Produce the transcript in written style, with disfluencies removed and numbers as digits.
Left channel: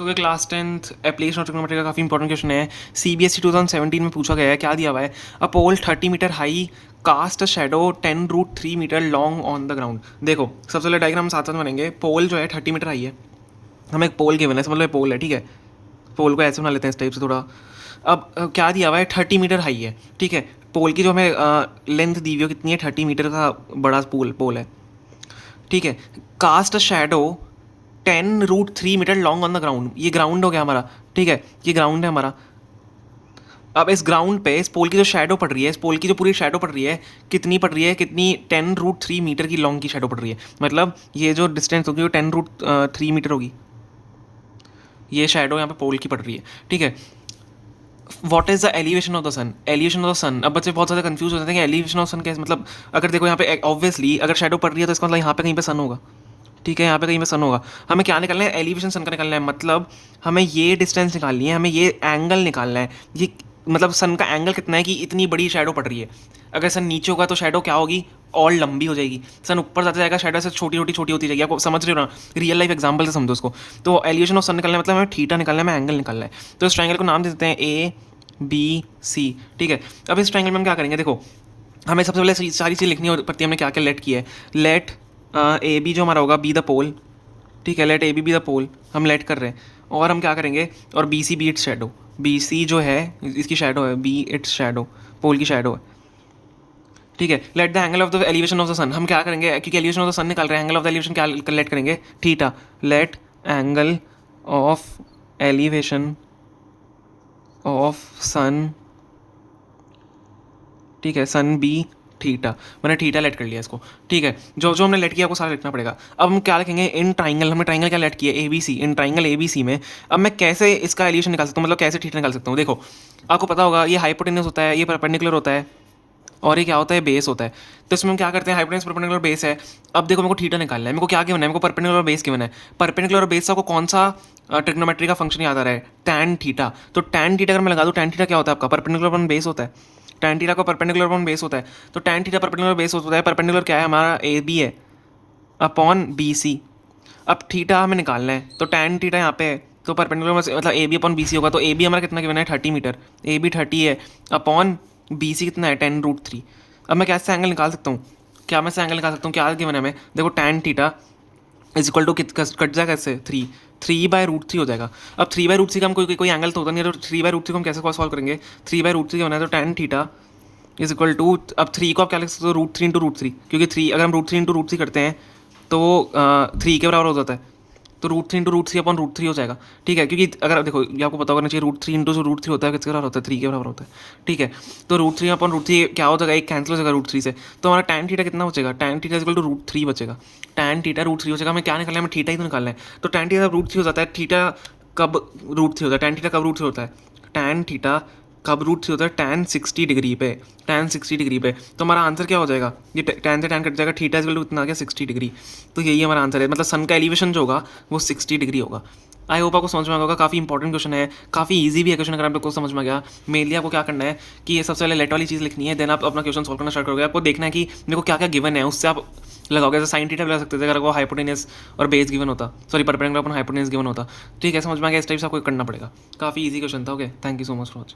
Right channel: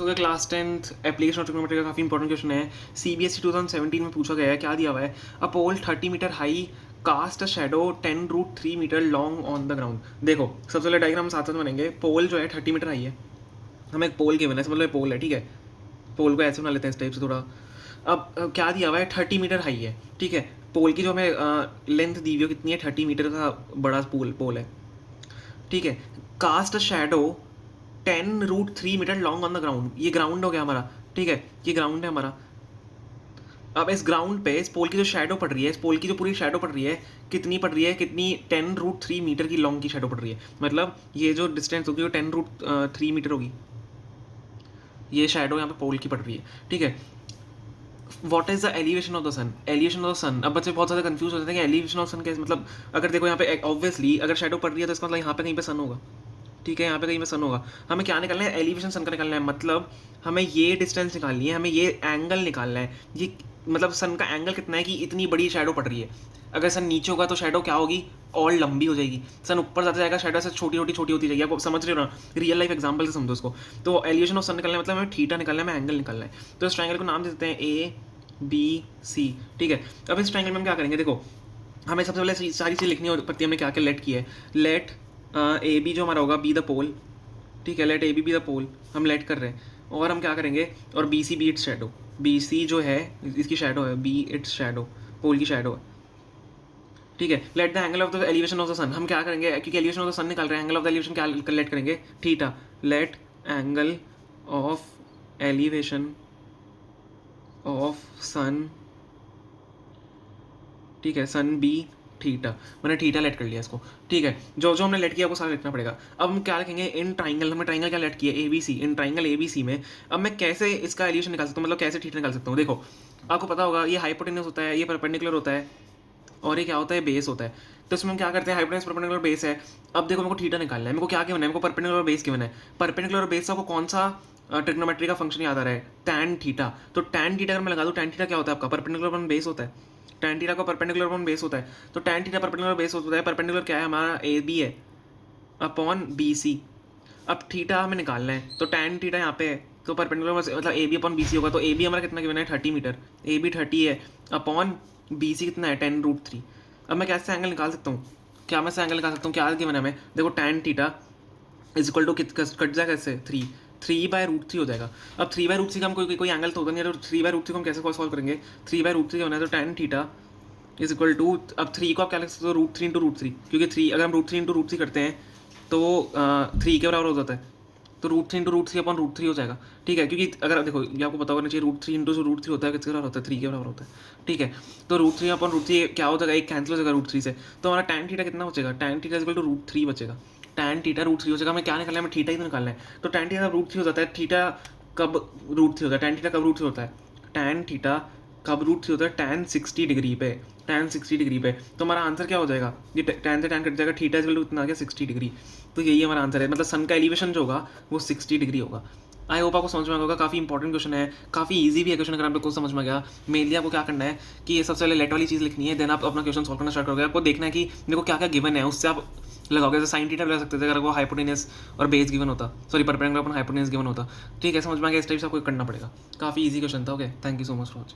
So class 10th application of trigonometry का काफ़ी important question है। CBSE 2017 में पूछा गया है। क्या दिया हुआ है? A pole 30 metre high cast a shadow 10√3 metre long on the ground. देखो सबसे पहले डायग्राम साथ साथ बनेंगे। पोल जो है 30 मीटर हाई है, हमें एक पोल गिवन है, समझ लो पोल है, ठीक है। पोल को ऐसे बना लेते हैं इस टाइप से थोड़ा। अब क्या दिया हुआ है? 30 मीटर हाई है, ठीक है। पोल की जो हमें लेंथ दी हुई है कितनी है? 30 मीटर का बड़ा पोल है, ठीक है। Cast a shadow 10√3 metre long on the ground. ये ग्राउंड हो गया हमारा, ठीक है, ये ग्राउंड है हमारा। अब इस ग्राउंड पे इस पोल की जो शेडो पड़ रही है, इस पोल की जो पूरी शेडो पड़ रही है, कितनी पड़ रही है? कितनी? 10√3 मीटर की लॉन्ग की शेडो पड़ रही है। मतलब ये जो डिस्टेंस होगी वो 10√3 मीटर होगी। ये शेडो यहाँ पे पोल की पड़ रही है, ठीक है। What is the elevation of the sun? Elevation of the sun, अब बच्चे बहुत ज़्यादा कंफ्यूज हो जाते हैं कि एलिवेशन ऑफ सन कैसे, मतलब अगर देखो यहाँ पे ऑब्वियसली अगर शेडो पड़ रही है तो इसका मतलब यहाँ पे कहीं पे सन होगा, ठीक है, यहाँ पे कहीं पे सन होगा। हमें क्या निकालना है? एलिवेशन सन का निकालना है। मतलब हमें ये डिस्टेंस निकालनी है, हमें ये एंगल निकालना है। ये मतलब सन का एंगल कितना है कि इतनी बड़ी शेडो पड़ रही है। अगर सन नीचे होगा तो शेडो क्या होगी? और लंबी हो जाएगी। सन ऊपर जाता जाएगा, शेडो से छोटी होती जाएगी। आपको समझ रहे हो ना? रियल लाइफ एग्जाम्पल से समझो उसको। तो एलिवेशन ऑफ सन निकालना है, मतलब हमें थीटा निकालना है, हमें एंगल निकालना है। तो इस ट्राइंगल को नाम दे देते हैं ABC, ठीक है। अब इस ट्राइंगल में हम क्या करेंगे? देखो हमें सबसे पहले सारी चीज़ लिखनी पड़ती है। हमने क्या क्या लेट किया है? लेट AB जो हमारा होगा बी द पोल, ठीक है। लेट AB बी द पोल हम लेट कर रहे हैं। और हम क्या करेंगे? और BC B its shadow. BC जो है इसकी शेडो है, बी इट्स शेडो, पोल की शेडो है, ठीक है। Let the angle of the elevation of the sun, हम क्या करेंगे? क्योंकि एलिवेशन ऑफ द सन निकाल रहे हैं, एंगल ऑफ द एलिवेशन क्या लेट करेंगे? Theta. Let angle of elevation of sun, ठीक है, सन बी थीटा। मैंने थीटा लेट कर लिया इसको, ठीक है। जो जो हमने लेट किया आपको सारा लिखना पड़ेगा। अब हम क्या लिखेंगे? इन ट्राइंगल, हमने ट्राइंगल क्या लेट किया? ABC। इन ट्राइंगल ABC में अब मैं कैसे इसका एलिवेशन निकाल सकता हूँ, मतलब कैसे थीटा निकाल सकता हूँ? देखो आपको पता होगा ये हाइपोटेनस होता है, ये परपेंडिकुलर होता है, और ये क्या होता है? बेस होता है। तो इसमें हम क्या करते हैं? हाइपोटेनस परपेंडिकुलर बेस है। अब देखो मेरे को थीटा निकालना है, मेरे को क्या गिवन है? मेरे को परपेंडिकुलर बेस गिवन है। परपेंडिकुलर बेस से आपको कौन सा ट्रिग्नोमेट्री का फंक्शन याद आ रहा है? Tan theta. तो टैन थीटा अगर मैं लगा दूँ, टैन थीटा क्या होता है आपका? परपेंडिकुलर अपॉन बेस होता है। टैन थीटा का परपेंडिकुलर अपॉन बेस होता है। तो टैन थीटा परपेंडिकुलर बेस होता है। परपेंडिकुलर क्या है हमारा? AB है अपॉन BC। अब थीटा हमें निकालना है, तो टैन थीटा यहाँ पे है, तो परपेंडिकुलर मतलब AB अपॉन BC होगा। तो AB हमारा कितना गिवन है? 30 मीटर। AB 30 है, अपॉन BC कितना है? 10√3। अब मैं कैसे एंगल निकाल सकता हूँ? क्या मैं से एंगल निकाल सकता हूँ? क्या गिवन है हमें? देखो tan theta is equal to कट जाएगा इससे 3/√3 हो जाएगा। अब 3/√3 का हम कोई एंगल तो होता नहीं है, तो 3/√3 को हम कैसे सॉल्व करेंगे? 3/√3 होना है, तो tan theta is equal to, अब 3 को आप क्या लिख सकते हो? √3 इंटू √3, क्योंकि 3 अगर हम √3 इंटू √3 करते हैं तो 3 के बराबर हो जाता है। तो √3 इंटू √3 अपॉन √3 हो जाएगा, ठीक है। क्योंकि अगर देखो ये आपको पता होना चाहिए, √3 इंटू जो √3 होता है किसके बराबर होता है? 3 के बराबर होता है, ठीक है। तो √3 अपॉन √3 क्या हो जाएगा? एक कैंसिल हो जाएगा √3 से। तो हमारा टैन थीटा कितना बचेगा? टैन थीटा इक्वल टू √3 बचेगा। टैन थीटा √3 हो जाएगा। हमें क्या निकालना है? हमें थीटा ही तो निकालना है। तो टैन थीटा √3 हो जाता है। थीटा कब √3 होता है? टैन थीटा कब √3 होता है? टैन थीटा कब √3 होता है? टैन 60 डिग्री पे, टैन 60 डिग्री पे। तो हमारा आंसर क्या हो जाएगा? ये टैन से टैन कट जाएगा, थीटा इक्वल टू इतना आ गया 60 डिग्री। तो यही हमारा आंसर है, मतलब सन का एलिवेशन जो होगा वो 60 डिग्री होगा। आई होप आपको समझ में आ गया होगा। काफ़ी इंपॉर्टेंट क्वेश्चन है, काफ़ी इजी भी है क्वेश्चन। अगर आप लोग को समझ में आ गया, मेनली आपको क्या करना है कि ये सबसे पहले लेट वाली चीज़ लिखनी है, देन आप अपना क्वेश्चन सॉल्व करना स्टार्ट करोगे। आपको देखना है कि मेरे को क्या क्या गिवन है, उससे आप लगाओगे। जैसे साइन थीटा लगा सकते थे अगर वो हाइपोटेनस और बेस गिवन होता, sorry perpendicular upon hypotenuse given होता, ठीक है। समझ में आ गया? इस टाइप से आपको करना पड़ेगा। काफ़ी इजी क्वेश्चन था। Okay, thank you so much for